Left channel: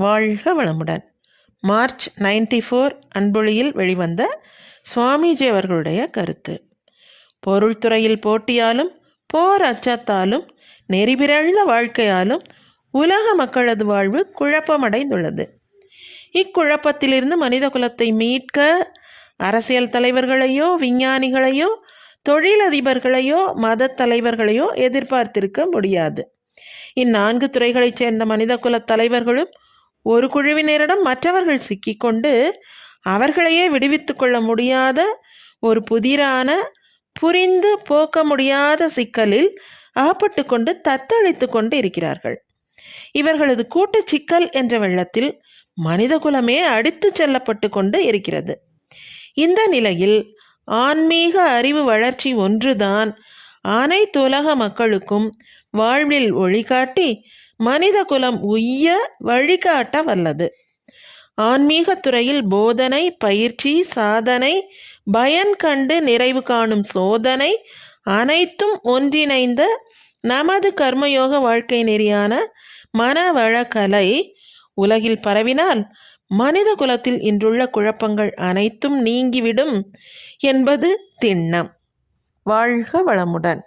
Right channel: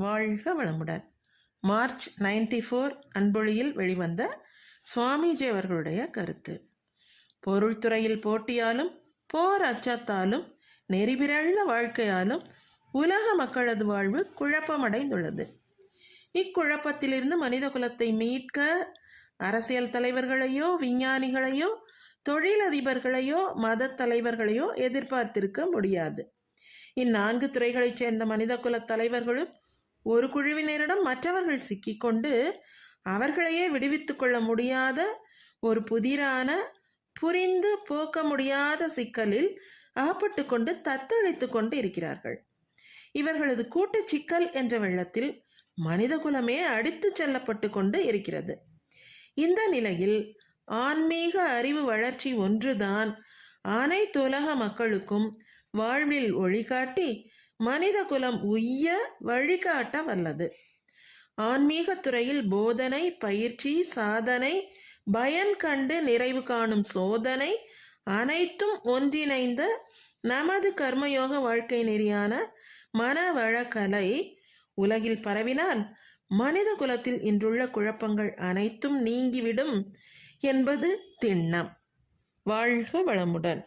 வாழ்க வளமுடன். மார்ச் 94 அன்பொழியில் வெளிவந்த சுவாமிஜி அவர்களுடைய கருத்து. பொருள்துறையில் போட்டியாலும் போர் அச்சத்தாலும் நெறிபிறழ்ந்த வாழ்க்கையாலும் உலக மக்களது வாழ்வு குழப்பமடைந்துள்ளது. இக்குழப்பத்திலிருந்து மனித குலத்தை மீட்க அரசியல் தலைவர்களையோ விஞ்ஞானிகளையோ தொழிலதிபர்களையோ மத தலைவர்களையோ எதிர்பார்த்திருக்க முடியாது. இந்நான்கு துறைகளைச் சேர்ந்த மனித குல தலைவர்களும் ஒரு குழுவினரிடம் மற்றவர்கள் சிக்கிக்கொண்டு அவர்களையே விடுவித்து கொள்ள முடியாத ஒரு புதிரான புரிந்து போக்க முடியாத சிக்கலில் அகப்பட்டு கொண்டு தத்தளித்து கொண்டு இருக்கிறார்கள். இவர்களது கூட்டு சிக்கல் என்ற வெள்ளத்தில் மனித குலமே அடித்து செல்லப்பட்டு கொண்டு இருக்கிறது. இந்த நிலையில் ஆன்மீக அறிவு வளர்ச்சி ஒன்றுதான் அனைத்துலக மக்களுக்கும் வாழ்வில் ஒளிகாட்டி மனித குலம் உய்ய வழிகாட்ட வல்லது. ஆன்மீக துறையில் போதனை, பயிற்சி, சாதனை, பயன் கண்டு நிறைவு காணும் சோதனை அனைத்தும் ஒன்றிணைந்த நமது கர்மயோக வாழ்க்கை நெறியான மனவளக்கலை உலகில் பரவினால் மனித குலத்தில் இன்றுள்ள குழப்பங்கள் அனைத்தும் நீங்கிவிடும் என்பது திண்ணம். வாழ்க வளமுடன்.